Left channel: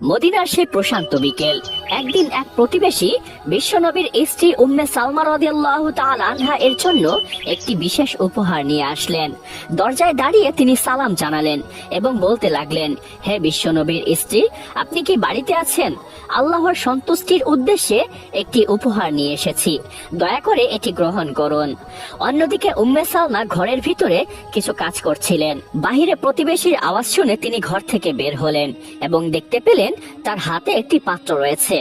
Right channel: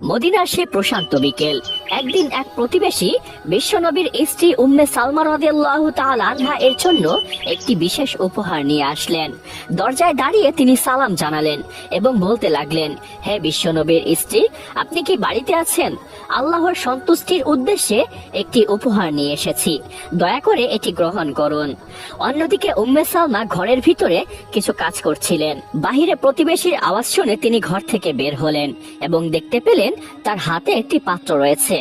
মদিনার সে প্রশান্ত বিকেল। একদিন এক প্রতিবেশী বিশ্বনবীর স্ত্রী উম্মে সালমা রাদিয়াল্লাহু তাআলা আনহা এর জন্য একটি বিশেষ উপহার নিয়ে আসলেন। দরজায় দাঁড়িয়ে তিনি সালাম জানালেন এবং বলতে লাগলেন, হে বিশ্বনবীর স্ত্রী, আপনি কি বাড়িতে আছেন? আল্লাহর সন্তুষ্টির উদ্দেশ্যে একটি উপহার নিয়ে এসেছি, দয়া করে এটি গ্রহণ করুন। অন্যদিকে উম্মে সালমা ঘরের ভিতরে কিছু কাজ করছিলেন। বাহিরে প্রতিবেশীর আওয়াজ শুনে তিনি ঘর থেকে বের হলেন এবং দেখতে পেলেন তার হাতে একটি পাত্র রয়েছে,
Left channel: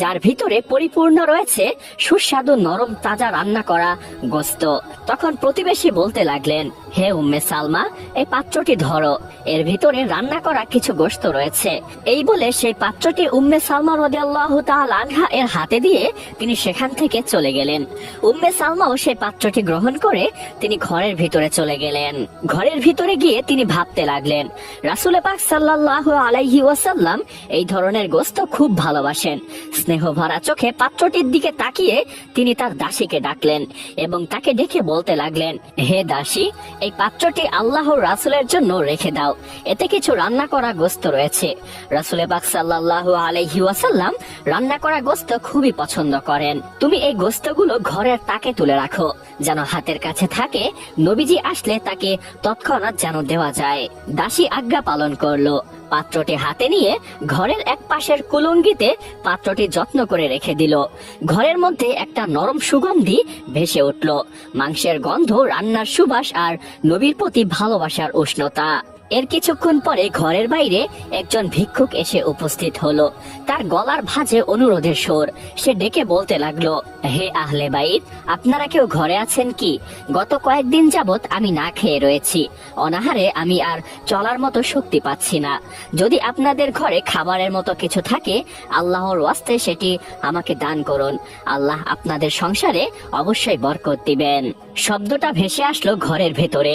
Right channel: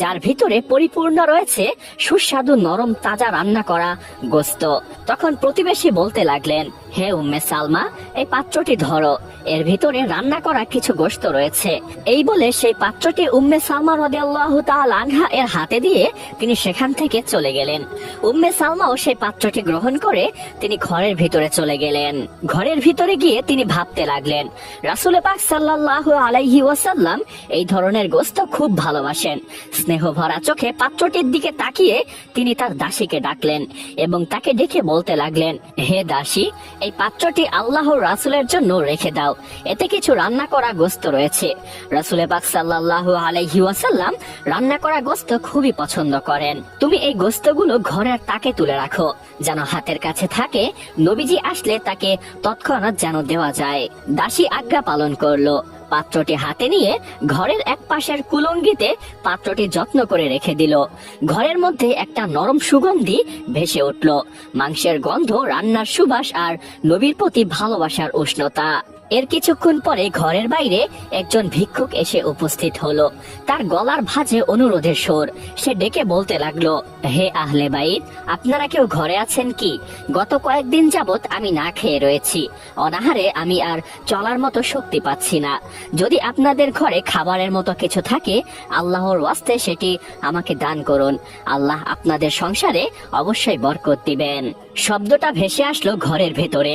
যার ভিতরে পরিপূর্ণ রয়েছে সুস্বাদু নরম তাজা রান্না করা গোশত। তখন প্রতিবেশী বলতে লাগলেন, হে উম্মে সালমা, এই পাত্রটি ধরো, এর ভিতরে রান্না করা কিছু গোশত রয়েছে। এই বলে সেই পাত্রটি উম্মে সালমা রাদিয়াল্লাহু তাআলা আনহা এর হাতে দিয়ে তিনি সেখান থেকে চলে গেলেন। উম্মে সালমাও সেই পাত্রটি গ্রহণ করে তিনি ঘরের ভিতরে চলে গেলেন। ঘরের ভিতরে গিয়ে তিনি ভাবতে লাগলেন, রাসূল পাক সাল্লাল্লাহু আলাইহি ওয়াসাল্লাম এই ধরনের গোশত খুব ভালোবাসেন। স্নেহ ভরা চোখে পাত্রটির দিকে তাকিয়ে তিনি তার দাসীকে ডাকলেন এবং তাকে ডেকে বলতে লাগলেন, হে দাসী, এই পাত্রটি আল্লাহর রাসূলের জন্য রেখে দাও, এতে কিছু রান্না করা গোশত রয়েছে। রাসূল পাক সাল্লাল্লাহু আলাইহি ওয়াসাল্লাম রান্না করা গোশত খুবই পছন্দ করেন। তুমি এই গোশতগুলো ঘরের তাকে তুলে রাখো, যেন হাতের কাছে থাকে, নবীজি আসলে তাকে তৎক্ষণাৎ যেন দেওয়া যায়। দাসী আজ্ঞা পালন করলো। পাত্রটি হাতে নিয়ে ঘরের এক পাশের কুলঙ্গিতে পাত্রটি যত্ন করে রেখে দিল। ঘরের মধ্যে একটা নরম সুগন্ধি ভেসে উঠল, মাংসের গন্ধ, রান্নার সুবাস আর নবীর প্রতি ভালোবাসার উষ্ণতা। এর কিছুক্ষণ পরে ঘরের বাইরে একজন ভিক্ষুক এসে উপস্থিত হলো। তার গলার ভাঁজে অনুরোধের সুর। সে ডেকে বলতে লাগলো, হে আহলে বাইত, আপনারা কেউ ঘরে আছেন কি? গত কয়েকদিন যাবত আমি না খেয়ে রয়েছি, অনাহারে আমি আর চলার মতো শক্তি পাচ্ছি না। যদি আপনাদের ঘরে খাবারের মতো কিছু থাকে, আল্লাহর ওয়াস্তে সেটি আমাকে দান করুন। আল্লাহ আপনাদের সংসারে অবশ্যই বরকত দিবেন। শব্দটা ভেসে আসলো ঘরের ভেতরে।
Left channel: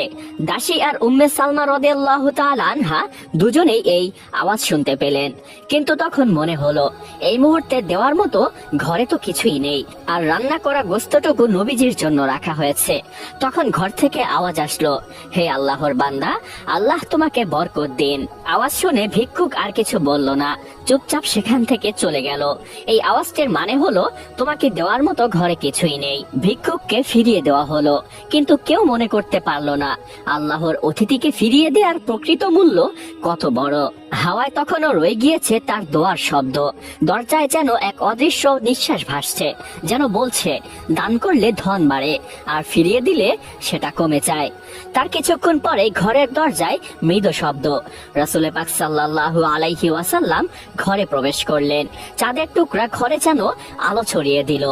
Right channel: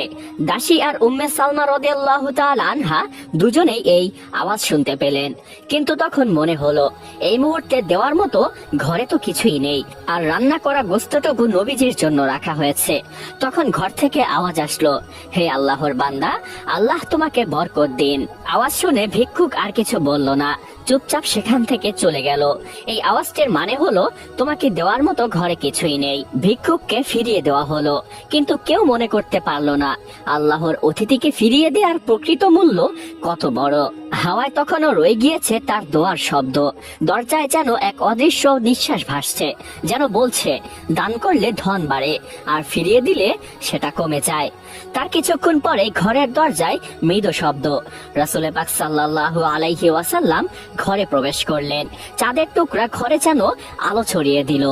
দাসী আর উম্মে সালমা রাদিয়াল্লাহু তাআলা আনহা দুজনেই এই আওয়াজ শুনতে পেলেন, কিন্তু তখন মনে হলো এই মুহূর্তে দেওয়ার মতো ঘরে তো কিছুই নেই, আর রান্না করা গোশতটুকু নবীজির জন্য রাখা হয়েছে। তখন ঘর থেকে আওয়াজ আসলো, হে আল্লাহর বান্দা, আল্লাহ তোমাকে বরকত দিন। আওয়াজ শুনে ভিক্ষুক আর কিছু বলল না, চুপচাপ সেখান থেকে চলে গেল। এই আওয়াজটির মানে হলো তোমাকে দেওয়ার মতো ঘরে কিছুই নেই। ভিক্ষুককে ফিরিয়ে দেওয়া হলো, কিন্তু কেউ মনে করতে পারলো না আল্লাহর অতিথিকে ফিরিয়ে দেওয়ার প্রকৃত মূল্য কত বড়। হাওয়ায় তখনও রয়ে গিয়েছে তার দোয়ার শব্দ। দরজায় যেন এক অদৃশ্য নিঃশ্বাস ভাসছে, যেন বলছে, দান করলে ধন বাড়ে, আর ফিরিয়ে দিলে সেটা কমে যায়। তার কিছুক্ষণ পরে ঘরের দরজায় মৃদু শব্দ। রাসূল পাক সাল্লাল্লাহু আলাইহি ওয়াসাল্লাম ঘরে প্রবেশ করলেন। চাঁদের টুকরা ঘরে যেন আলো ছড়িয়ে দিল।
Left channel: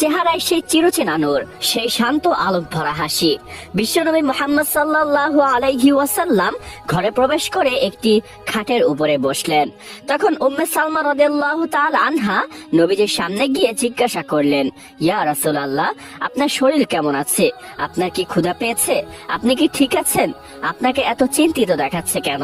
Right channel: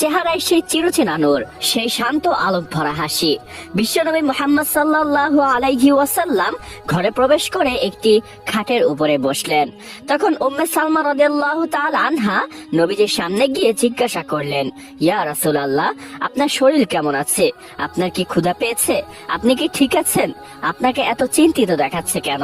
চেহারায় সেই চিরচেনা নূর, সেই শান্ত আলোক ভরা হাসি। বিশ্বনবী মুহাম্মদ সাল্লাল্লাহু আলাইহি ওয়াসাল্লাম ঘরে প্রবেশ করে একটি খাটের উপরে বসলেন। তখন উম্মে সালমা রাদিয়াল্লাহু তাআলা আনহা নবীজির সামনে গিয়ে জিজ্ঞাসা করলেন, ইয়া রাসূলুল্লাহ, আপনার শরীর কেমন আছে? আপনার কি ক্ষুধা পেয়েছে? আপনি কি ঠিক আছেন? আপনাকে এত চিন্তিত দেখাচ্ছে কেন?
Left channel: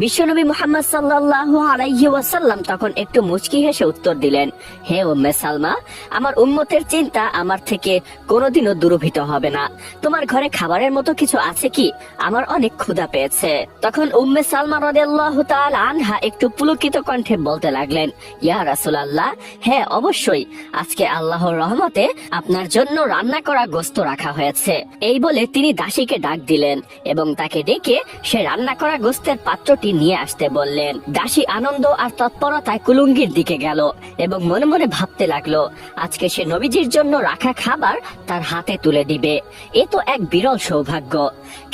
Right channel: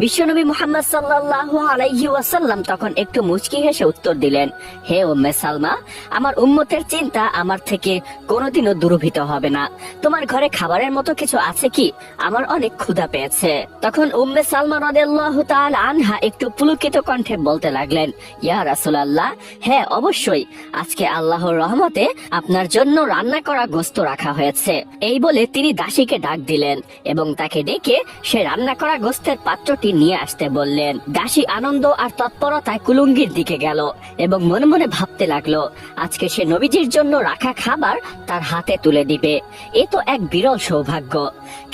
বিশ্বনবী মুহাম্মদ সাল্লাল্লাহু আলাইহি ওয়াসাল্লাম তখন একটু মুচকি হেসে উত্তর দিলেন, হে উম্মে সালমা, আমার উম্মতের চিন্তা আমার থেকে কোনোদিনও দুরূহীত হবে না। তোমার ঘরে খাবারের মতো কিছু আছে কি? আমার অনেক ক্ষুধা পেয়েছে। তখন উম্মে সালমা রাদিয়াল্লাহু তাআলা আনহা একটু পুলকিত কণ্ঠে বলতে লাগলেন, ইয়া রাসূলুল্লাহ, হ্যাঁ অবশ্যই, আজকে আল্লাহর রহমতে আপনার জন্য রান্না করা গোশত রাখা হয়েছে। এই বলে তিনি দাসীকে ডাক দিলেন এবং তাকে ডেকে সে রান্না করা গোশতের পাত্রটি নিয়ে আসতে বললেন। দাসী আনন্দ আর তৎপরতায় কুলুঙ্গির দিকে গেল এবং মনে মনে ভাবতে লাগলো, আজকে সে নবীজির জন্য রাখা খাবার তার হাতে তুলে দিবে। এ তো এক বিরল সৌভাগ্য।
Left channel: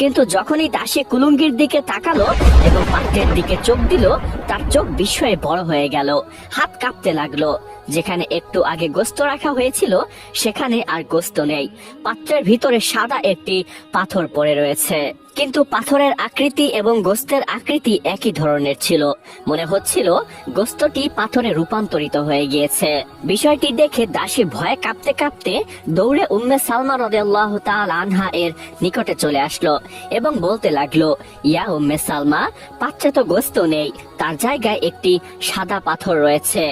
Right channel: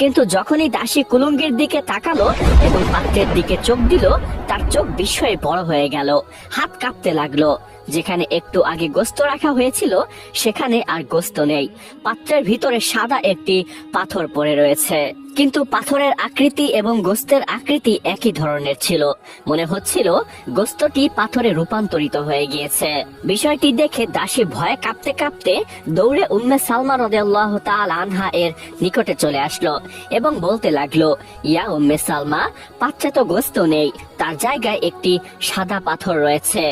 কিন্তু যখনই দাসী কুলুঙ্গির দিকে তাকালো এবং পাত্রের দিকে চোখ দিল, তার চোখ বিস্ময়ে বড় হয়ে গেল, হাত কাঁপতে লাগলো। যেখানে একটু আগে গোশত রাখা হয়েছিল সেখানে আর গোশত নেই। পাত্রের ভিতরে সাদা একটি পাথর পড়ে রয়েছে, কিন্তু পাথরের আকৃতি এবং গোশতের আকৃতি একই ধরনের ছিল। মনে হচ্ছিল গোশতটি পাথরে রূপান্তরিত হয়ে গিয়েছে। বিষয়টি দেখে দাসী ভয়ে কাঁপতে কাঁপতে দৌড়ে উম্মে সালমা রাদিয়াল্লাহু তাআলা আনহা এর নিকটে চলে আসলো এবং বলতে লাগলো, ইয়া উম্মে সালমা, পাত্রে তো গোশত নেই, তার জায়গায় একটি সাদা পাথর রয়েছে।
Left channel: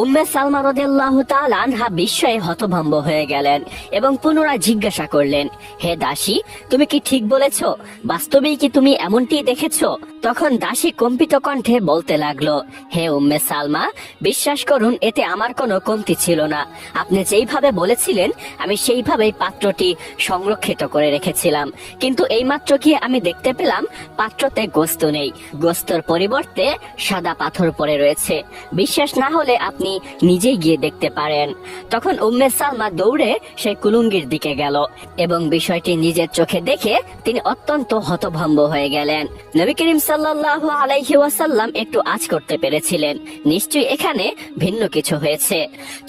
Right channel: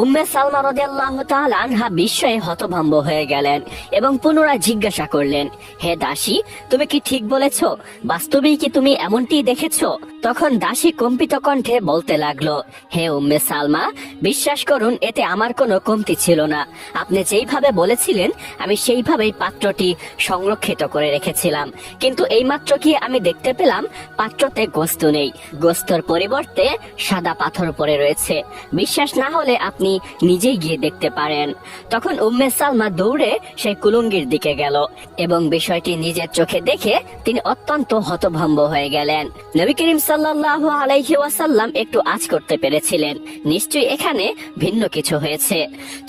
উম্মে সালমা রাদিয়াল্লাহু তাআলা আনহা বিস্ময়ে হতভম্ব হয়ে গেলেন এবং পুনরায় জিজ্ঞাসা করলেন, হে দাসী, তুমি কি ঠিক বলেছো? বাস্তবেই কি তুমি এমনটি দেখেছো? তখন দাসী কম্পিত কণ্ঠে বলতে লাগলো, হে উম্মে সালমা, বিশ্বাস করুন, এতে আমার কোনো কমতি ছিল না। আপনি যেইভাবে বলেছিলেন আমি সেইভাবেই পাত্রটি সংরক্ষিত করে রেখেছিলাম, কিন্তু এইমাত্র কি আমি দেখতে পেলাম পাত্রতে গোস্ত নেই, গোস্তর পরিবর্তে সাদা পাথর পড়ে রয়েছে। বিশ্বাস না হলে আপনি নিজেই গিয়ে দেখতে পারেন। তখন উম্মে সালমা দৌড়ে সেই কুলুঙ্গির দিকে গেল এবং বিষয়টি নিজের চোখে দেখে তিনি অত্যন্ত হতভম্ব হয়ে গেলেন। নবী করিম সাল্লাল্লাহু আলাইহি ওয়াসাল্লাম একটু আঁচ করতে পেরেছিলেন, নিশ্চয়ই এখানে ভিন্ন কিছু হয়েছে।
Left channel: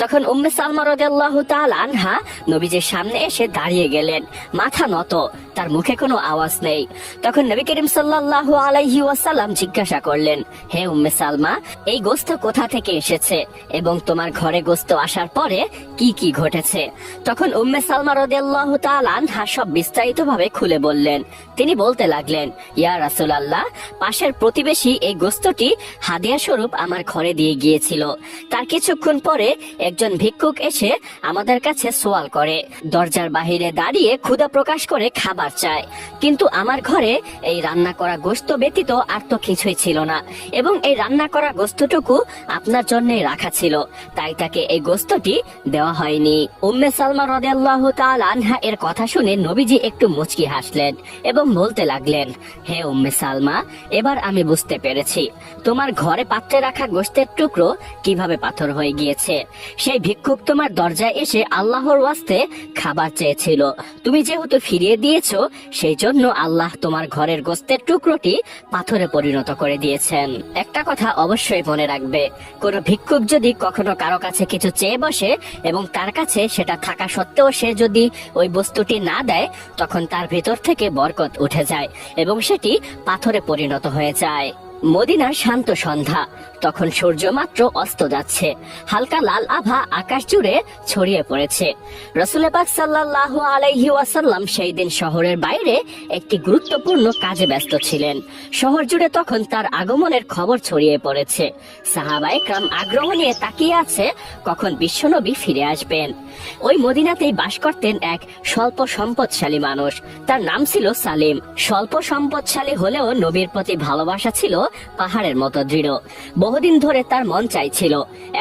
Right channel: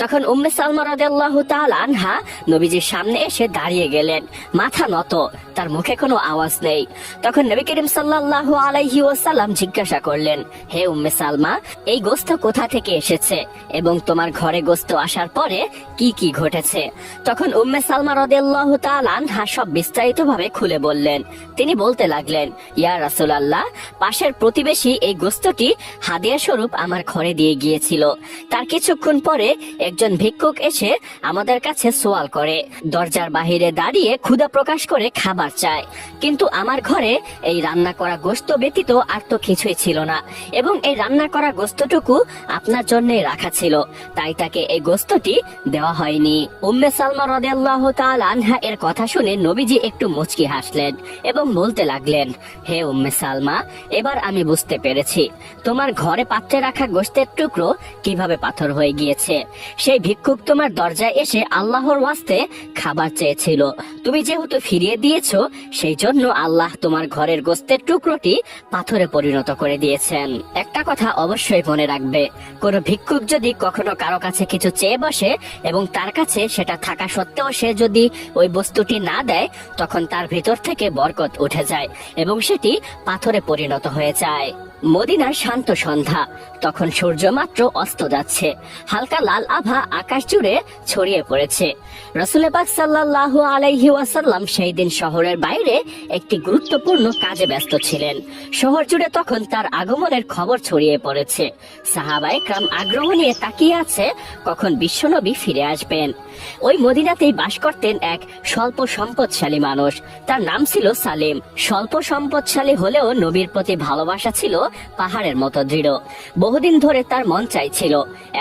তখন উম্মে সালমা রাদিয়াল্লাহু তাআলা আনহা নবীজির সামনে এসে দাঁড়িয়ে গেলেন, মাথা নত, তার মুখে কোনো আওয়াজ নেই। তখন নবী করিম সাল্লাল্লাহু আলাইহি ওয়াসাল্লাম জিজ্ঞাসা করলেন, হে উম্মে সালমা, এই গোস্ত কোথা থেকে এসেছে এবং তোমার ঘরে গোস্ত আসার পরে কি কি ঘটেছে? তখন উম্মে সালমা রাদিয়াল্লাহু তাআলা আনহা সব বিস্তারিতভাবে খুলে বললেন। তিনি বলতে লাগলেন, ইয়া রাসূলুল্লাহ, পাশের প্রতিবেশী এই গোস্তটি হাদিয়া স্বরূপ আমার ঘরে দিয়ে গিয়েছিল। তার কিছুক্ষণ পরে একজন ভিক্ষুক এসে আমাদের কাছে সোয়াল করে, দরজার বাহিরে দাঁড়িয়ে ক্ষুধা প্রকাশ করে খাবার চায়, কিন্তু আমার ঘরে এই রান্না করা গোস্ত ব্যতীত আর তো কিছুই ছিল না, এবং এই রান্না করা গোস্তটুকু আপনার জন্যই রাখা ছিল, তাই তাকে এই গোস্তটি দেওয়া হয়নি। উম্মে সালমা রাদিয়াল্লাহু তাআলা আনহা এর কথা শুনে নবীজি একটু মুচকি হাসলেন এবং বলতে লাগলেন, হে উম্মে সালমা, এবার আমি বুঝতে পেরেছি তোমার ঘরে পাত্রে রাখা গোস্তের টুকরো কিভাবে পাথর হয়ে গিয়েছে। সেই ভিক্ষুক তোমার দরজায় এসে আল্লাহর ওয়াস্তে খাবার চেয়েছিল, তুমি যেহেতু ফিরিয়ে দিয়েছো, সেই জন্য আল্লাহ তোমার ঘরের গোস্তের টুকরোটি পাথরে পরিণত করে দিয়েছেন। একটা কথা অবশ্যই মনে রাখবে, কোন ভিক্ষুক যদি কখনো কারো কাছে কিছু চেয়ে বসে এবং তার কাছে সেটা থাকা সত্ত্বেও সে যদি ওই বস্তুটি না দেয়, তখন তার ভিতর থেকে বরকত উঠে যায় এবং সেটি পাথরে পরিণত হয়ে যায়। মদিনার শান্ত সন্ধ্যা, তখন সূর্য মাত্র অস্ত যাচ্ছে, হালকা লাল আভা আকাশ জুড়ে ছড়িয়ে পড়েছে। রাসূল পাক সাল্লাল্লাহু আলাইহি ওয়াসাল্লাম সেই দিন শহরের বাইরে একটি গুরুত্বপূর্ণ কাজে ব্যস্ত ছিলেন। শহর জুড়ে তখন তার আগমনের খবর ছড়িয়ে পড়েছে। সাহাবায়ে কেরাম আগ্রহ নিয়ে তাকিয়ে আছে কখন বিশ্বনবী ফিরে আসবেন। ওই মদিনাতেই বাস করতেন এক স্বল্প সম্পদশালী মানুষ, তার নাম ছিল সালিম। স্বল্প সম্পদশালী হলেও নবীর প্রতি ভালোবাসা ছিল পাহাড়ের মতো দৃঢ়। বহুদিন ধরে তার মন চাইছিল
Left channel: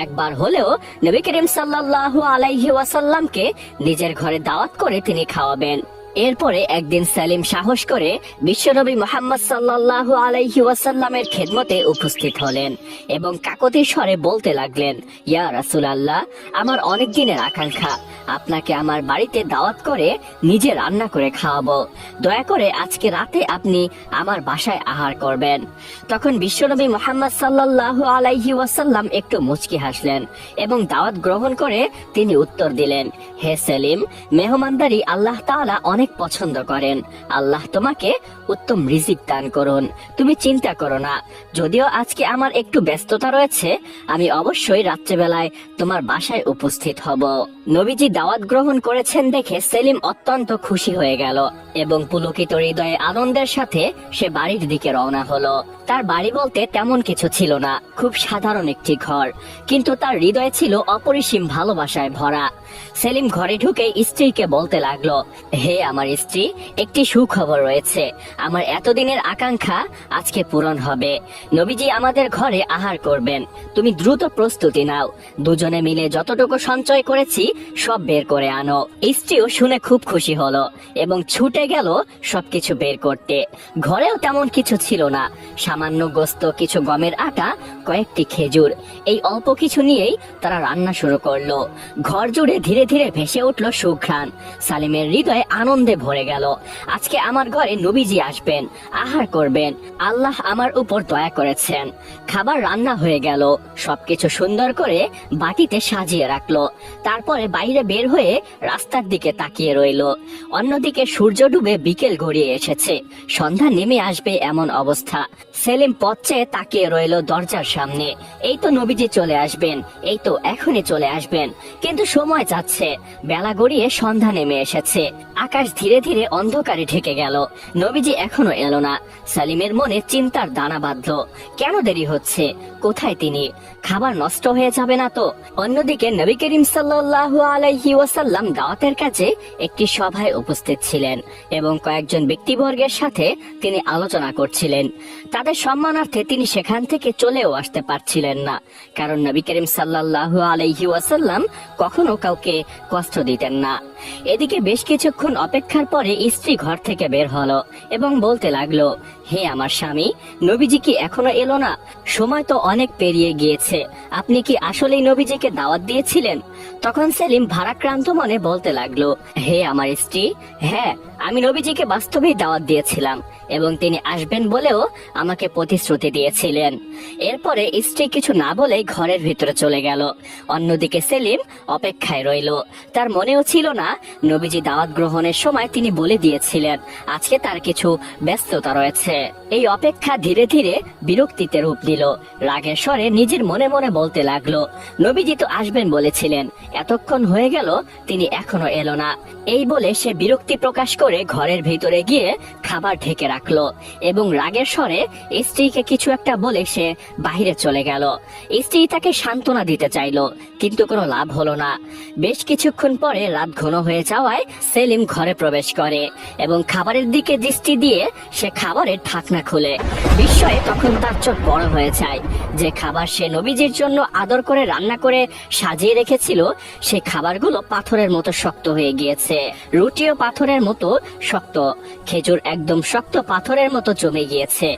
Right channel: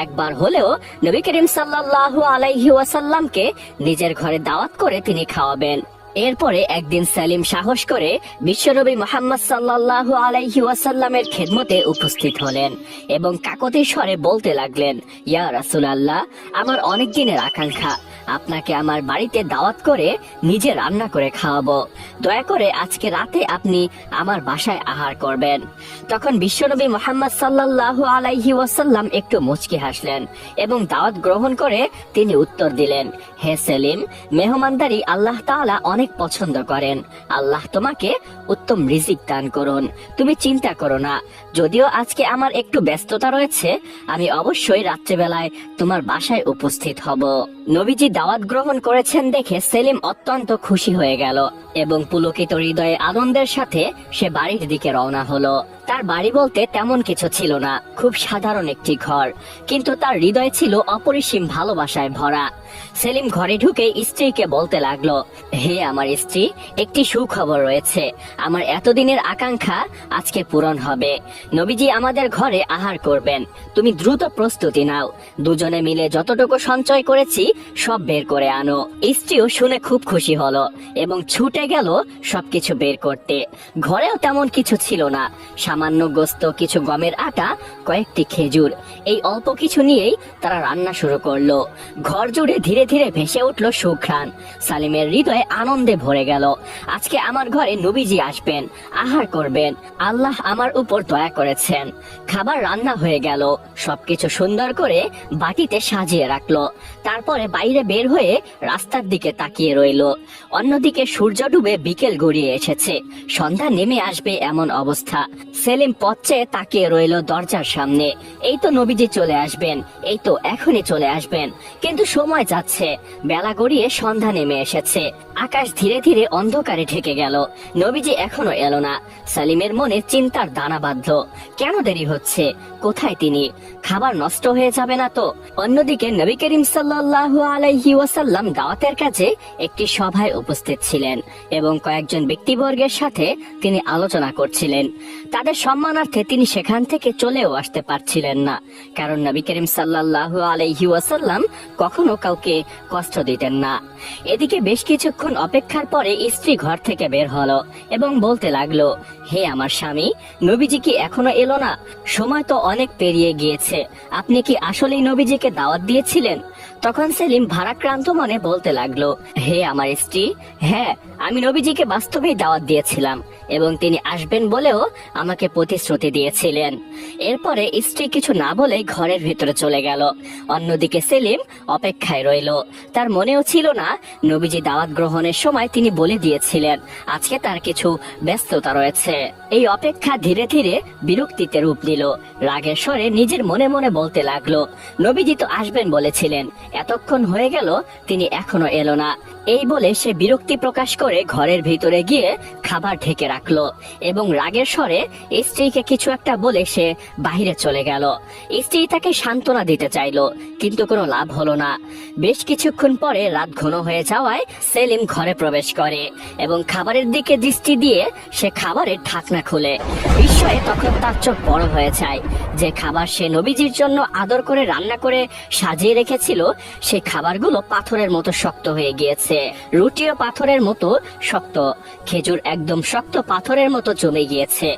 একবার হলেও নবী করিম সাল্লাল্লাহু আলাইহি ওয়াসাল্লামকে নিজের ঘরে দাওয়াত করে তিনি খাওয়াবেন। এরপরে একদিন সালিম সাহস করে বিশ্বনবী মুহাম্মদ সাল্লাল্লাহু আলাইহি ওয়াসাল্লামের খেদমতে উপস্থিত হলেন এবং কাকতি স্বরে বলতে লাগলেন, ইয়া রাসূলুল্লাহ, আমার অনেক দিনের আকাঙ্ক্ষা আপনাকে আমার বাড়িতে দাওয়াত করে নিজে রান্না করে খাওয়াবো। দয়া করে আজকে রাতে আপনি আমার বাসায় আহার করবেন। তখন বিশ্বনবী মুহাম্মদ সাল্লাল্লাহু আলাইহি ওয়াসাল্লাম একটু মুচকি হাসলেন এবং দাওয়াত গ্রহণ করে তিনি উত্তর দিলেন, হে সেলিম, মেহমানদারি আল্লাহ তাআলা অনেক পছন্দ করেন। আল্লাহ তোমাকে উত্তম রিজিক দান করুন, তুমি চিন্তা করো না। যদিও আজকে আমার একটু ব্যস্ততা রয়েছে, আমি অবশ্যই রাত্রেবেলায় তোমার বাসায় উপস্থিত হব। নবীজি দাওয়াত গ্রহণ করেছেন দেখে সেলিম অত্যন্ত খুশি হয়ে গেল এবং পুলকিত হৃদয়ে আনন্দের সাথে সে বাড়ির দিকে রওনা হলো। তার বাড়ি বলতে তেমন কিছু ছিল না, খুব সাধারণ একটি ঘর, কিন্তু তার হৃদয় ছিল অপরিসীম ভালোবাসায় ভরা। সেলিম ঘরে ঢুকে স্ত্রীকে বলতে লাগলো, হে আমার স্ত্রী, একটি সুখবর রয়েছে। আমার এতদিনের আকাঙ্ক্ষা আজকে পূরণ হবে। নবীজি আমাদের ঘরে আহার করবেন, তুমি দ্রুত প্রস্তুতি নাও। দুজনে মিলে যতটুকু সঞ্চয় করেছি সব বের করে আনো। স্ত্রীও শুনে খুব খুশি হলো এবং ছুটে গেল সবকিছু বের করতে। ঘরেও তেমন কিছু ছিল না, সামান্য গোস্ত, কিছু গমের আটা, কয়েকটি খেজুর, এই অল্প কিছু নিয়েই তারা রান্না শুরু করলো। ঘর জুড়ে ধীরে ধীরে ভেসে উঠলো সুঘ্রাণ। সালিমের হৃদয়ে আনন্দে ভরে গেল। আজকে আমার ঘরে নবীজি আসবেন, আহার করবেন, আল্লাহ আমার উপর দয়া করেছেন। খাবার রান্না হয়ে গেল, সবকিছু সুন্দর করে বাটিতে সাজিয়ে রাখলো। তারপরে বাইরে বের হয়ে রাস্তার দিকে তাকিয়ে রইল। অন্যদিকে সূর্য ডুবে বিকেল গড়িয়ে এসেছে, সন্ধ্যা নেমে আসবে এমন অবস্থা। সেলিম পথ চেয়ে তাকিয়ে রইল দরজার সামনে। এই তো নবীজি চলে আসবেন, এই তো এখনই চলে আসবেন। কিন্তু সময় যাচ্ছে, বেলা গড়িয়ে সন্ধ্যা নেমে এসেছে। আকাশ ধীরে ধীরে অন্ধকারে ঢেকে গেল। নবীজি এখনো এলো না। সেলিমের মনে চিন্তার দানা বাঁধলো। কেন দেরি হচ্ছে? কোথায় তিনি? খাবার নষ্ট হয়ে যাবে না তো? অন্যদিকে নবী করিম সাল্লাল্লাহু আলাইহি ওয়াসাল্লাম দাওয়াতের কাছে একটি সভায় উপস্থিত ছিলেন এবং কয়েকজন ব্যক্তিবর্গের সাথে তিনি আলোচনা করছিলেন। তাদের সম্মানার্থে তিনি সেখান থেকে চলেও আসতে পারছিলেন না, কারণ নবী করিম সাল্লাল্লাহু আলাইহি ওয়াসাল্লাম কখনো কাউকে কষ্ট দিতেন না। এদিকে বেশ কিছুক্ষণ অপেক্ষার পরে স্ত্রী ঘর থেকে বের হলো এবং বলতে লাগলো, হে আমার স্বামী, নবীজি কি এখনো এলো না? সময় তো অনেক পেরিয়ে গিয়েছে। আপনি কি আসলেই নবীজিকে দাওয়াত দিয়েছিলেন? তখন সেলিম ভারাক্রান্ত মনে বলতে লাগলো, হে আমার স্ত্রী, হ্যাঁ, আমি নবীজিকে বাস্তবেই দাওয়াত দিয়েছিলাম এবং তিনি আসবেন বলেও আমাকে প্রতিশ্রুতি দিয়েছিলেন। এরপরে স্ত্রী কিছু না বলেই ঘরের ভিতরে চলে গেল। অন্যদিকে সেলিম অপেক্ষায় রইল। তার মনেও ছিল না নবীজি দাওয়াত গ্রহণের সময় তিনি বলে দিয়েছিলেন আজকে তার কিছু ব্যস্ততা রয়েছে। এই অপেক্ষা ধীরে ধীরে বিরক্তিতে রূপ নিল। রাগের স্বরে নিজের মনে মনে বলতে লাগলো, নবীজি তো আসবেন বলেছিলেন, এতক্ষণ হয়ে গেল তিনি এখনো এলো না। এই বলে সে বিরক্তি প্রকাশ করে ঘরের ভিতরে গিয়ে খাবার ঢেকে রাখলো এবং রাগের স্বরে স্ত্রীকে কিছু একটা বলে সে বাইরে চলে গেল। স্ত্রী তাকে সান্ত্বনা দিতে চাইলো, কিন্তু কোনো লাভ হলো না। বেশ কিছুক্ষণ পরে রাত ঘন হয়ে যাওয়ায় সেলিম ঘরে প্রবেশ করে এবং খাবারের দিকে দৃষ্টি দিয়ে সে খাবারের ঢাকনা খুলে। বিস্ময়ে তখন তার চোখ বড় হয়ে যায়। যে খাবার সে নবীজির জন্য আদর করে রান্না করে সাজিয়ে রেখেছিল, সেই খাবারগুলো পাথরের মতো শক্ত হয়ে গিয়েছে। রুটিও পাথরের মতো শক্ত, খেজুর একদম শক্ত পাথরের মতো জমে গিয়েছে।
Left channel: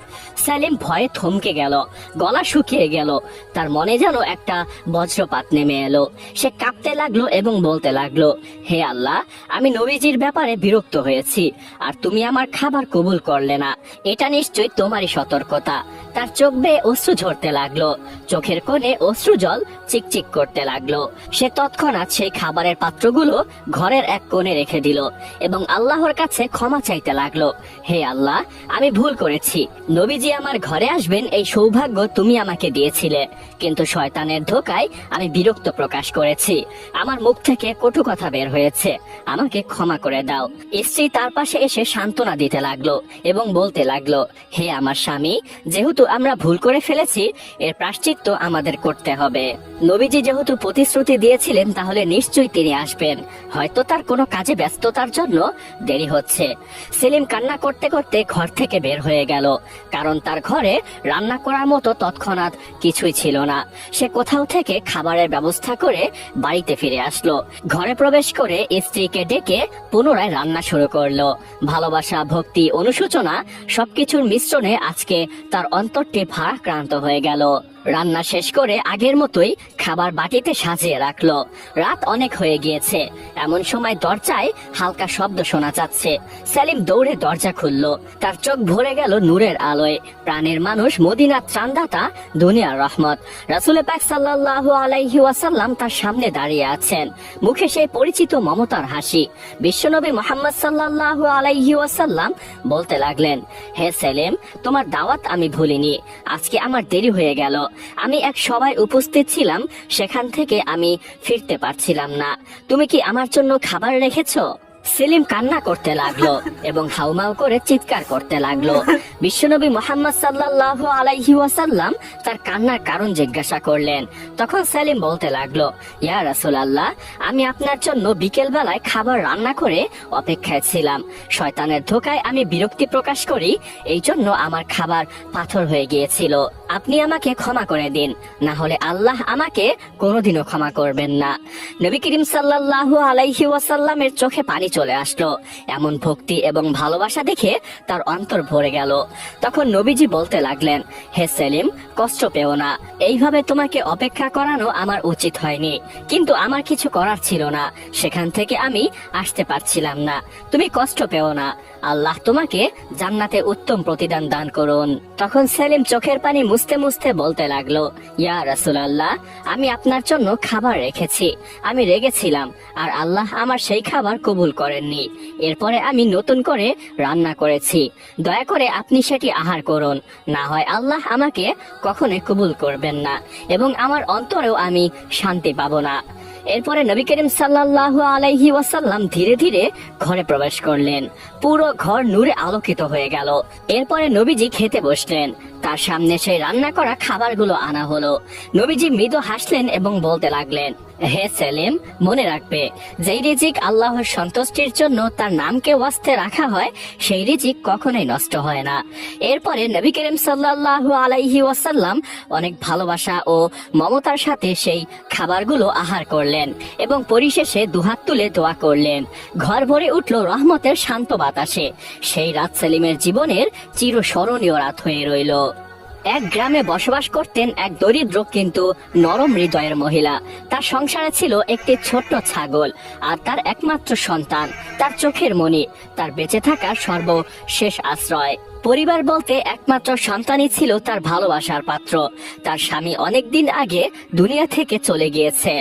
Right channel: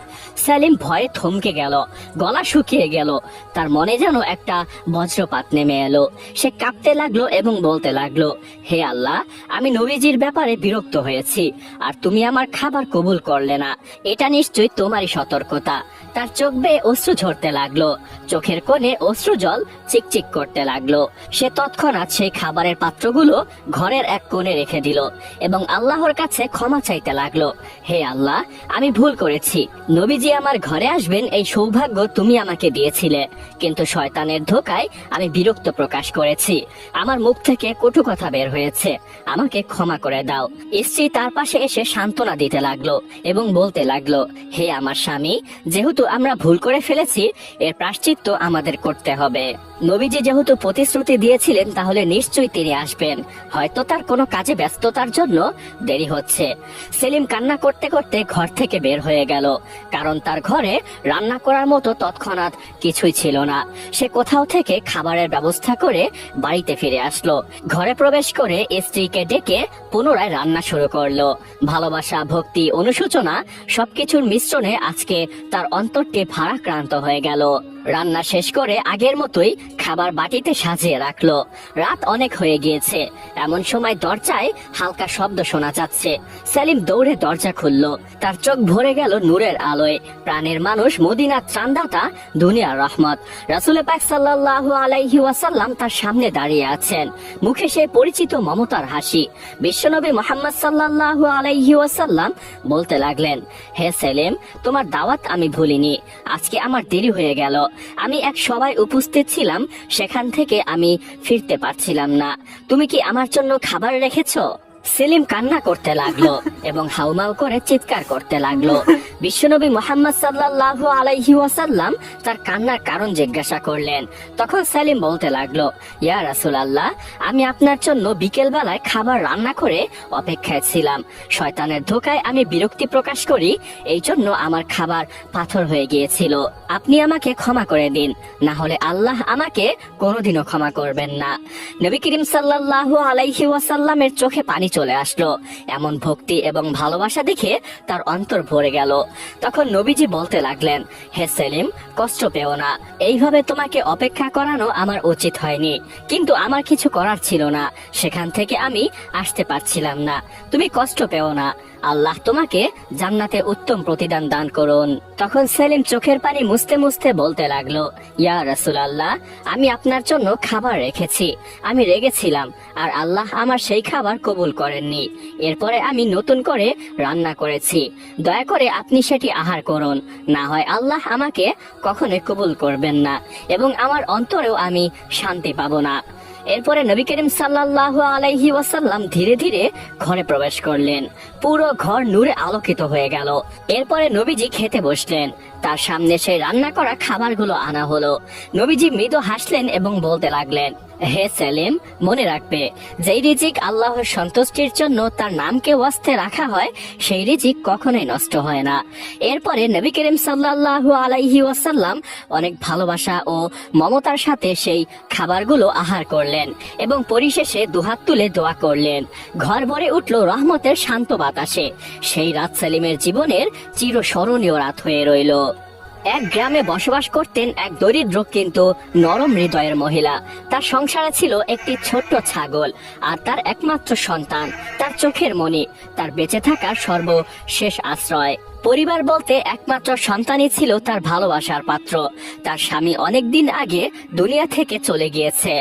সেলিম ভয়ে থমকে গেল, গলা শুকিয়ে গেল। তার মনে যেন একটা বজ্রপাত নেমে এলো। সে কাঁপতে লাগলো এবং বলতে লাগলো, হে আল্লাহ, আমি নবীজির ব্যাপারে বিরক্ত হয়েছি, আর তুমি আমার খাবার কবুল করলে না। এটা নিশ্চয়ই তোমারই সতর্কতা। তার চোখ বেয়ে অশ্রু ঝরতে লাগলো, চোখের কোণে অশ্রু জল চিকচিক করতে লাগলো। সে তৎক্ষণাৎ সেই খাবারের পাত্রগুলো ঘরের এক কোণে রেখে দিল এবং আল্লাহর কাছে ক্ষমা চাইতে লাগলো, হে আল্লাহ, আমি ভুল করেছি। নবীজি আমার ঘরে আসবেন এই সৌভাগ্য তুমি আমাকে দিয়েছিলে, কিন্তু শয়তানের ধোকায় আমি বিরক্ত প্রকাশ করেছি। আমার মুখ থেকে কটু কথা বের হয়েছে, আমাকে ক্ষমা করে দাও। স্ত্রী তার পাশে এসে সান্ত্বনা দিতে লাগলো এবং বলতে লাগলো, হে আমার স্বামী, যেহেতু আমরা ভুল করে ফেলেছি, এর প্রায়শ্চিত্ত আমাদের করতে হবে। নবীজি যেহেতু প্রতিশ্রুতি দিয়েছিলেন, তাহলে নিশ্চয়ই তিনি আসবেন। হয়তো তার কোনো কাজে ব্যস্ততার জন্য দেরি হচ্ছে। সেলিম কান্না করতে করতে ঘর থেকে বের হয়ে গেল, কারণ তার ঘরে রান্না করার মতো তৎক্ষণাৎ কিছুই ছিল না। সে কোথাও থেকে খাবারের ব্যবস্থা করে বাড়িতে ফিরে আসলো। ঘরে প্রবেশ করে স্ত্রীকে ডেকে পুনরায় রান্না শুরু করলো। ভালোবাসা, ভক্তি, অনুশোচনা সবকিছুর মিশ্রণে আজকে তার অন্তরটি ভারাক্রান্ত হয়ে গেল। রান্না শেষ করে আগের মতোই খাবার বাটিতে সাজিয়ে রাখলো। রাত অনেক হয়ে গিয়েছে। এমন সময় দরজায় হালকা শব্দ শোনা যাচ্ছে। সেলিম দৌড়ে দরজা খুললো। তার চোখ ভরে গেল নূরের আলোয়। প্রাণের মানুষ, মদিনার ত্রাণদাতা, দুনিয়ার রহমত রাসূল পাক সাল্লাল্লাহু আলাইহি ওয়াসাল্লাম তার সামনে দাঁড়িয়ে আছেন। মুখে সেই পরিচিত মমতার হাসি। বিশ্বনবী মুহাম্মদ সাল্লাল্লাহু আলাইহি ওয়াসাল্লাম বলতে লাগলেন, হে সেলিম, তোমার দাওয়াত আমি ভুলিনি। আজকে আমার দেরি হয়ে গেল। আমি এক সভায় উপস্থিত ছিলাম, সেখান থেকে আমি ফিরতে পারছিলাম না। তুমি কি আমার জন্য খাবার রেখেছো? সেলিম কান্না করতে লাগলো এবং হাউমাউ করে চিৎকার করতে লাগলো। বিশ্বনবী মুহাম্মদ সাল্লাল্লাহু আলাইহি ওয়াসাল্লাম তার কান্নার কারণ জিজ্ঞাসা করলেন। তখন সেলিম বলতে লাগলো, ইয়া রাসূলুল্লাহ, আমি আপনার জন্য বিকেল বেলায় খাবার রান্না করে অপেক্ষায় ছিলাম। শয়তানের ধোকায় আমি বিরক্তি প্রকাশ করি, এই জন্য আমার খাবার পাথর হয়ে গিয়েছিল। আপনি আমাকে ক্ষমা করে দিন, না হলে আল্লাহ আমাকে কোনোদিনও ক্ষমা করবেন না। নবী করিম সাল্লাল্লাহু আলাইহি ওয়াসাল্লামের চোখে পানি চলে আসলো। এমন ভক্তি এবং ভালোবাসা দেখে তার অন্তর ভরে গেল। তখন নবীজি বলতে লাগলেন, হে সেলিম, কষ্ট পেও না। এইভাবে তোমাকে অপেক্ষা করানো আমার উচিত হয়নি, কিন্তু আমার কিছু করার ছিল না। সেখান থেকে আমি আসতে পারছিলাম না। তুমি কষ্ট পেও না। আল্লাহ তোমাকে জান্নাতে উত্তম প্রতিদান দান করুন। তখন সেলিম চোখের পানি মুছতে মুছতে বলতে লাগলো, ইয়া রাসূলুল্লাহ, আমি আপনার জন্য খাবার রেখেছি। আমি রেগেছিলাম, আর আল্লাহ আমার সেই খাবার কবুল করেননি। এরপরে আমি নতুন করে রান্না করেছি, দয়া করে আপনি সেটি আহার করুন, না হয় আল্লাহ আমাকে কখনোই কবুল করবেন না এবং আমার অন্তরেও আমি শান্তি পাবো না। এরপরে নবী করিম সাল্লাল্লাহু আলাইহি ওয়াসাল্লাম ধীরে ধীরে ঘরে প্রবেশ করলেন। পুরো ঘর নূরে আলোকিত হয়ে গেল। এরপরে নবীজি খেতে বসলেন। তার সামনে সেই রান্না করা খাবারগুলো আনা হলো। নবীজি মৃদু হাসলেন এবং বলতে লাগলেন, হে সেলিম, মনে রাখবে, যেই রিজিক আল্লাহর সন্তুষ্টির জন্য তার নামকে ওয়াস্তে রাখা হয় সেই রিজিক কখনোই নষ্ট হয় না। এরপরে নবী করিম সাল্লাল্লাহু আলাইহি ওয়াসাল্লাম অনেক ভালোবাসা ও মমতার সাথে সেই খাবারগুলো আহার করলেন এবং পরিশেষে দুহাত তুলে দোয়া করলেন। ঘর ভরে উঠল রহমতের শান্ত বাতাসে। সেই রাত সেলিমের জীবনের চিরস্মরণীয় রাত হয়ে রইল। এক গ্রামে বসবাস করতেন এক দরিদ্র কিন্তু নরম হৃদয়ের মহিলা। তার সংসারে ছিল একটি ছোট্ট ছাগল আর তার একমাত্র সন্তান, তার চোখের মণি, তার বেঁচে থাকার সর্বশেষ আশ্রয়। পরিবার বলতে একমাত্র সন্তানই ছিল তার ভালোবাসার পাত্র। তার স্বামী অনেকদিন আগে দুনিয়া থেকে চলে গিয়েছে।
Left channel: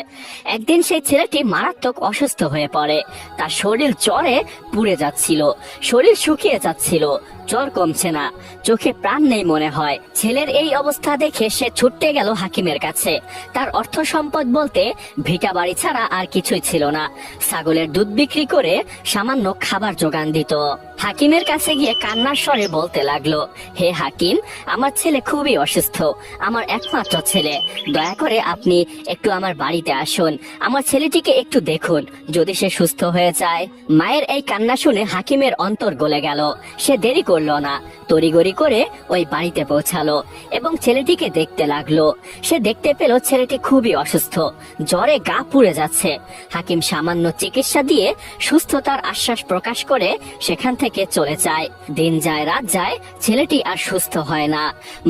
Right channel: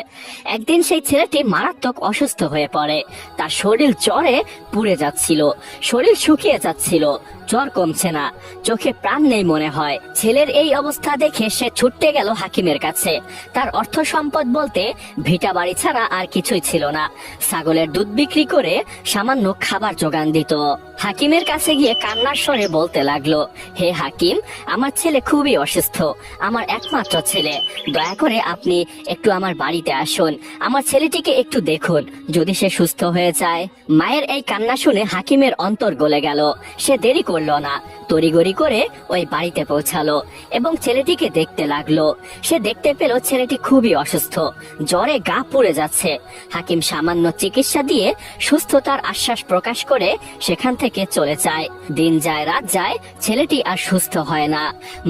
একদিন সেই ছেলেটি মারাত্মক অসুস্থ হয়ে পড়ে। তার শরীর জ্বরে পুড়ে যাচ্ছিল, শরীর শুকিয়ে যাচ্ছিল, জ্বর কমছে না, চোখে প্রাণ নেই মনে হয়। ছেলের এই অবস্থা দেখে সে ছুটতে গেল হাকিমের কাছে। তার অর্থ সম্পদ বলতে ভিটা বাড়ি ছাড়া আর কিছুই ছিল না। ছাগলের দুধ বিক্রি করে সামান্য খাবার জোগান দিত। হাকিমের কাছে গিয়ে কান্নার স্বরে বলতে লাগলো, হে হাকিম, আমার ছেলে খুবই অসুস্থ, আমার একমাত্র ছেলে, দয়া করে আপনি একটু আমার বাড়িতে আসুন, আমার ছেলেটিকে একটু দেখুন, যদি সে সুস্থ হয়ে যায়। মায়ের এই কান্না শুনে হাকিমের অন্তর গলে গেল। সে দেরি করলো না, তড়িঘড়ি করে ওই বাড়িতে পৌঁছালো এবং ছেলেটিকে দেখতে লাগলো। সে দেখতে পেল ছেলেটি খুবই অসুস্থ, জ্বরে গা পুড়ে যাচ্ছে। হাকিম সামান্য চিকিৎসা দিয়ে সুস্থতার আশ্বাস প্রকাশ করে সেখান থেকে চলে যায়। দিন যায় রাত যায়, ছেলেটি আর সুস্থ হয় না।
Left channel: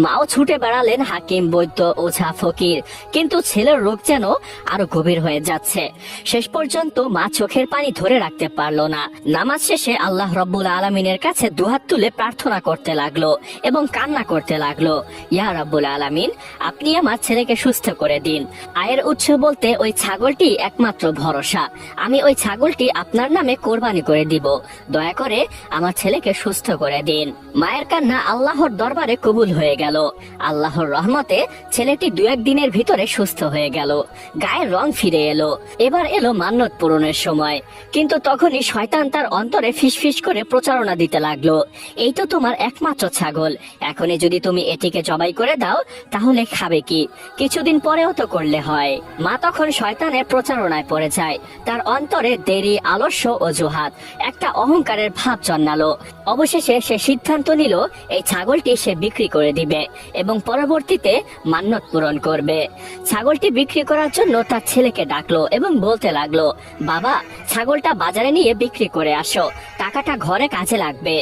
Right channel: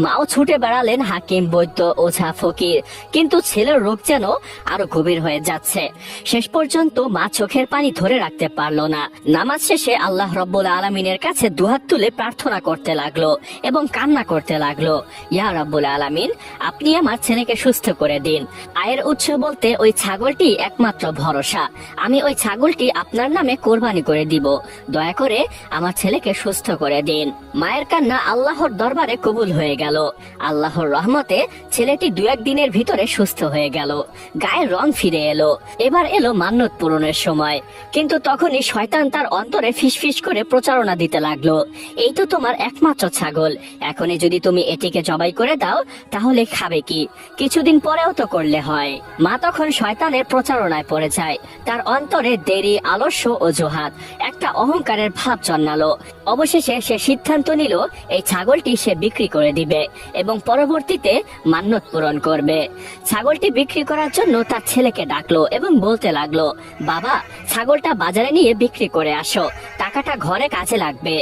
মাও ছুটে বেড়ালেন হাকিম, বৈদ্য, ওঝা, ফকির, কিন্তু ছেলের রোগ যেন আরো গভীর হয়ে যাচ্ছে। শেষ পর্যন্ত মা চোখের পানি ধরে রাখতে পারলো না। নামাজ শেষে আল্লাহ রব্বুল আলামিনের কাছে দুহাত তুলে প্রার্থনা করতে লাগলো এবং কান্না করতে লাগলো, ইয়া রব্বুল আলামিন, আপনি আমার ছেলেকে সুস্থ করে দিন। আয়ের উৎস বলতে ওই ছাগলটি একমাত্র ভরসা। আমি ওই ছাগলটি আপনার নামে কোরবানি করে দিব, দয়া করে আমার ছেলেকে সুস্থ করে দিন। মায়ের কান্না আল্লাহর দরবারে কবুল হয়ে গেল। আল্লাহর রহমতে ছেলেটি 2-1 দিনের ভিতরে সুস্থ হয়ে গেল। গায়ের রং ফিরে এলো। এবার এলো মান্যত পূরণের সময়। কিন্তু তখনই শয়তান তার অন্তরে ফিসফিস করে প্রচারণা দিতে লাগলো, এই তো তোমার একমাত্র ছাগল, এখনই যদি তুমি এটিকে জবাই করে দাও তাহলে খাবে কি? কিছুদিন পরেও তো করলে হয়। মা তখন শয়তানের প্রচারণায় পড়ে যায়। তার অন্তরে দেরি, আলস্য, অজুহাত, একটা অহংকারের ভাব জন্মালো। অবশেষে সে সিদ্ধান্ত নিল এই ছাগলটি সে বিক্রি করে দিবে এবং পরবর্তীতে মান্যত পূরণ করবে। ছাগলটি বিক্রি করার জন্য তার ছেলেকে ডাকলো এবং বলতে লাগলো, বাবা, ছাগলটা বাজারে নিয়ে বিক্রি করে আসো, টাকাটা ঘরে কাজে লাগবে।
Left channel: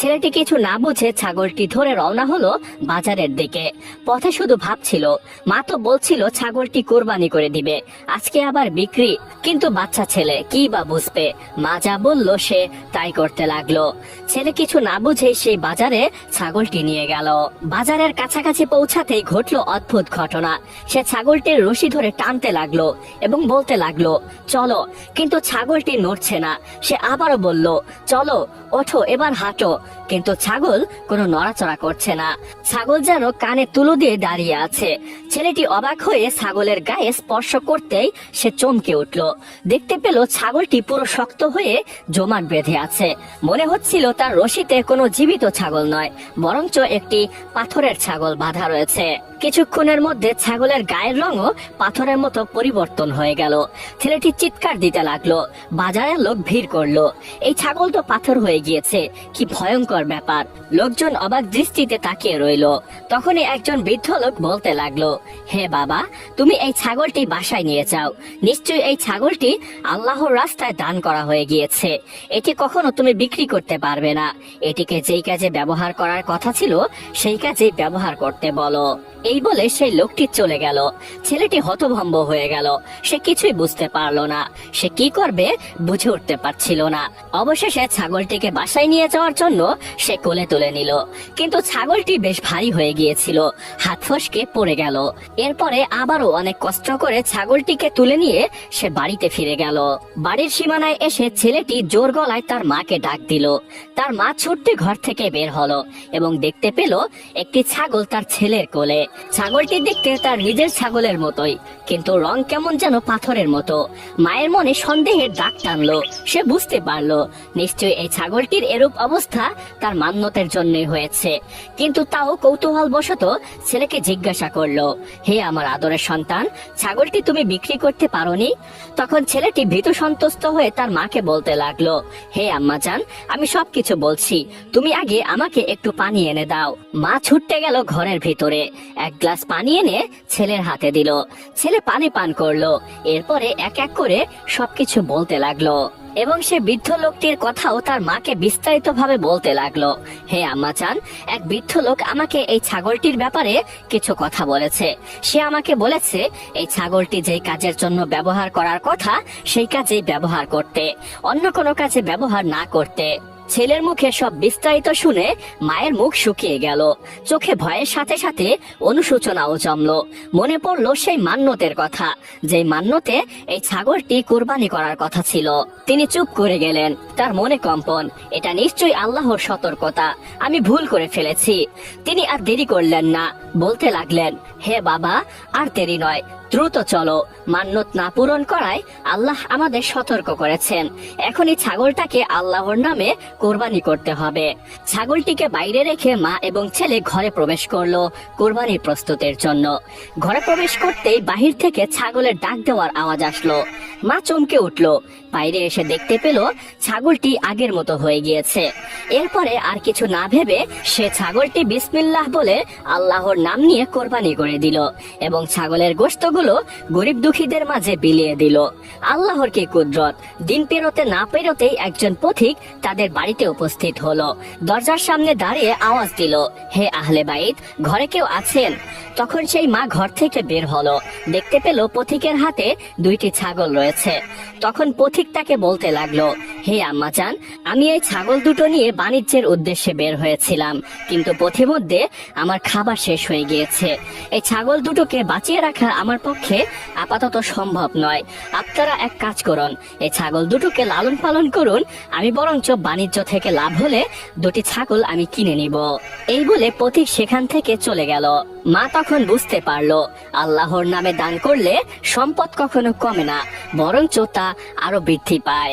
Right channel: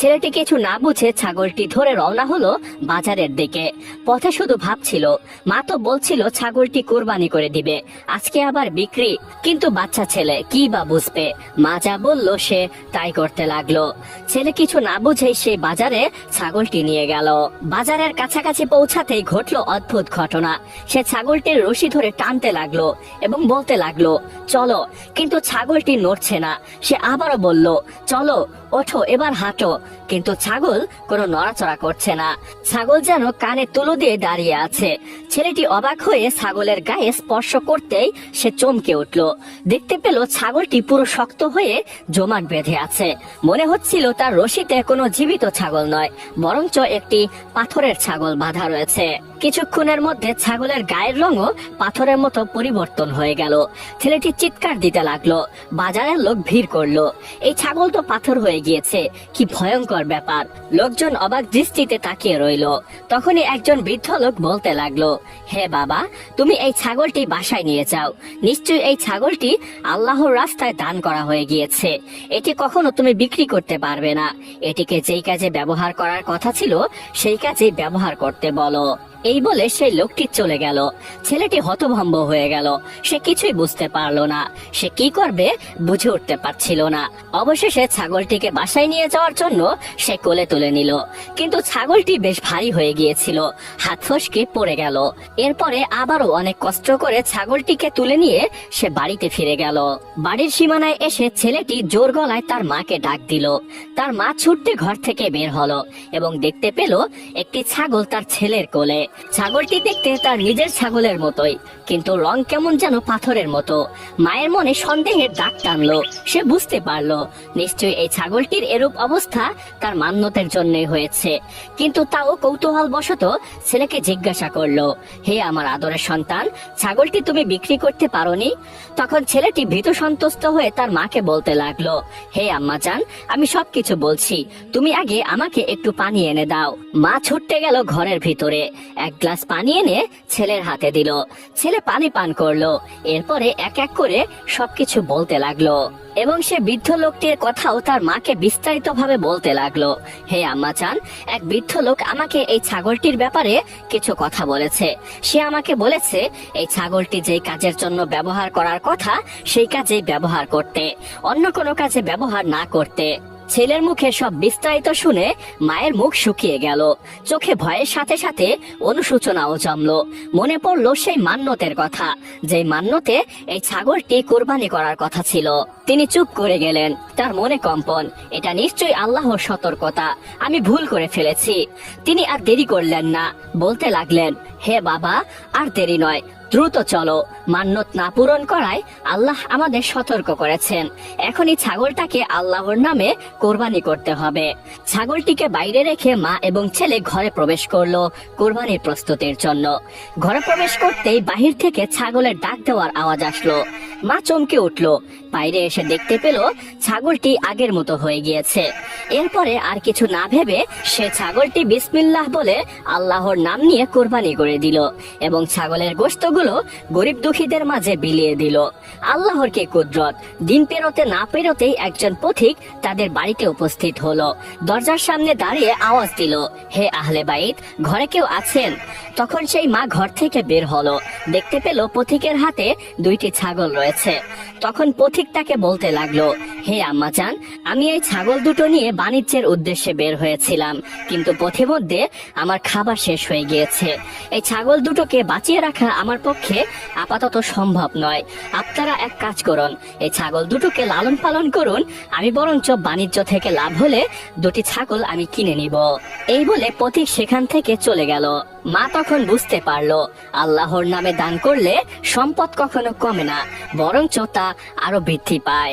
ছেলেটি কিছু না বুঝে ছাগলটি ধরে রওনা হলো বাজারের দিকে। পথে শুধু ভাবছিল, মা তো বলছিল ছাগলটি কোরবানি করে দিবে, আজকে আবার বিক্রি। কিন্তু বাচ্চা ছেলে কি বা বুঝবে, মা যা বলল সে তাই করতে লাগলো। ছেলে কিছু না বুঝে সেই বাজারে ছাগলটি নিয়ে গেল। বাজারের কাছাকাছি পৌঁছাতেই ঘটলো অদ্ভুত ঘটনা। সে ছাগলটির রশি ধরে টানতে লাগলো এবং বলতে লাগলো, চলো, কিন্তু ছাগলটি নড়ছে না। সে আবারও বলল, চলো, ওঠো, এবার হাঁটো, কিন্তু ছাগল কোনো নড়াচড়া করছে না। ছাগল যেন কানে তুলো দিয়ে দাঁড়িয়ে আছে। ছেলেটি অবাক হয়ে ছাগলের গায়ে স্পর্শ করতেই সে চমকে উঠল। দেখতে পেল ছাগলটি পুরো শক্ত হয়ে জমাট বেঁধে আছে। মনে হচ্ছিল তার রশিতে কোনো জীবিত ছাগল নয়, বরঞ্চ একটি পাথরের ছাগল বাঁধা রয়েছে। কিছুক্ষণের মধ্যে ছাগলের গায়ের রঙও পাথরের মতো পরিবর্তন হয়ে গেল। ছেলেটি চিৎকার দিতে লাগলো। বাজারের লোক ভিড় করলো। এই ছাগল তো পাথর হয়ে গিয়েছে, কি ভয়ঙ্কর ব্যাপার। লোকজন অবাক দৃষ্টিতে তাকিয়ে রইল। তখনই একজন বৃদ্ধ লোক বলতে লাগলো, হে বাবা, তুমি এই ছাগলটি বাসায় নিয়ে যাও। নিশ্চয়ই এই ছাগলটি আল্লাহর রাস্তায় দান করা হয়ে গিয়েছে। এটি কখনো তুমি বিক্রি করতে পারবে না। এটিকে যেই কাজে ব্যবহার করার কথা ছিল সেই কাজে ব্যবহার করতে বলো। এই বলে সেই লোকটি চলে গেল। ছেলেটি হতভম্ব হয়ে গেল, সে কিছুই বুঝতে পারলো না, সে কি করবে বুঝে উঠতে পারছিল না। অবশেষে ছাগলটিকে বাসায় নিয়ে যাওয়ার জন্য সে কোলে তুলে নিল, কিন্তু ছাগলটি বেশ ভারী হয়ে গিয়েছিল, হাত ফসকে পড়ে গেল। এরপরে আবারও অনেক কষ্ট করে ছাগলটিকে তুলে নিয়ে সে বাড়িতে ফিরে গেল। বাড়ির সীমানায় এসে ছেলেটি জোর গলায় তার মাকে ডাক দিল। তার মা ছুটতে ঘর থেকে বের হলো এবং দেখতে পেল একটি ছাগল তার ছেলের কোলে। ছাগলটি দেখতে তার নিজের ছাগলের মতোই, কিন্তু রং কেমন যেন পাথরের মতো। মায়ের মনে সন্দেহের দাগ টানলো, সে বুঝতে পারলো নিশ্চয়ই এই ছাগলটির এরূপ অবস্থা তার মান্যতের জন্যই হয়েছে। কিন্তু তাও কৌতূহল বশত ছেলেকে জিজ্ঞাসা করলো, হে আমার আদরের সন্তান, ছাগলটি তুমি বিক্রি করতে পারোনি? তখন ছেলেটি ভীত সন্তুষ্ট হয়ে তার মাকে বলতে লাগলো, হে আম্মা জান, আমি সবকিছু বলছি, তুমি আগে আমাকে একটু পানি এনে দাও। মা ছুটতে গেল ঘরের ভিতরে, এক গ্লাস পানি এনে ছেলের হাতে দিল। ছেলে পানি পান করলো, এরপরে এক এক করে সবকিছু বলতে লাগলো এবং সে বৃদ্ধ লোকটির কথাও তার মাকে বিস্তারিত ভাবে বলতে লাগলো। হে আম্মা চান, এক বৃদ্ধ লোক আমাকে এই ছাগলটির ব্যাপারে কিছু কথা বলেছে। সে আমাকে বলেছে এই ছাগলটি যেই কাজের জন্য ব্যবহার করার কথা সেই কাজেই ব্যবহার করতে, অন্য কোনো কাজে ব্যবহার না করতে। ছেলের মুখে সব বিস্তারিত শুনে মায়ের মুখ শুকিয়ে গেল, চোখে ভয়ের সাথে সাথে অনুশোচনাও জমলো। মনে পড়লো সেই মান্যতের কথা, যে মান্যতে এই ছাগলটি কুরবানি করার কথা ছিল। তিনি চুপ করে গেলেন, তার মনে কম্পন, এটা নিশ্চয়ই আল্লাহর সতর্কতা, আমি ভুল করে ফেলেছি। তিনি আর দেরি করলেন না, বলতে লাগলেন, হে বাবা, আর দেরি নয়, দ্রুত চলো, মান্যত না পূরণ করায় আল্লাহ আমাদের সতর্ক করেছেন। এখনই ছাগলটাকে আল্লাহর নামে কোরবানি করতে হবে। ছাগলটিকে বাইরে রেখে মা এবং ছেলে ঘরে প্রবেশ করলো কোরবানির প্রস্তুতির জন্য। ঘরে প্রবেশ করতেই বাহির থেকে ছাগলের ডাক দেওয়ার আওয়াজ আসলো। মা চমকে উঠলো, বাইরে এসে দেখতে পেল ছাগলটি আগের মতো হয়ে গিয়েছে। এরপরে আর কিছু না ভেবে সে ছাগলটি বিসমিল্লাহ বলে আল্লাহর নাম নিয়ে কোরবানি করে দিল এবং ছাগলের গোশতগুলো গরিব দুঃখীদের মাঝে বিলিয়ে দিল। আল্লাহর কি কুদরত! দিন পেরোতে না পেরোতেই একজন পথিক তাদের বাড়িতে উপস্থিত হলো। দরজার সামনে দাঁড়িয়ে আওয়াজ দিল, হে আহলে বাইত, ঘরে কেউ আছেন? তখন সেই মা ঘর থেকে বের হলো, দেখতে পেল পথিকের হাতে দুইটি ছাগল রয়েছে। তখন পথিক তাকে বলতে লাগলো, হে আম্মা জান, আমি এই ছাগল দুটো নিয়ে বাণিজ্যের উদ্দেশ্যে বের হয়েছিলাম, কিন্তু পথিমধ্যে আমার খাবার শেষ হয়ে গিয়েছে। এই ছাগল দুটোকে বাঁচিয়ে রাখা আমার পক্ষে আপাতত সম্ভব নয়। আপনারা এক কাজ করুন, এই ছাগল দুটোকে লালন পালন করুন, আমি বরঞ্চ বাণিজ্য থেকে লাভ হলে দুটি ছাগল আমি কিনে নিব। এই বলে পথিক সেখান থেকে চলে গেল। মা তখন বুঝতে পারলো আল্লাহর নামে দান করলে সম্পদ কখনো কমে না, বরঞ্চ তা আরো বৃদ্ধি পায়।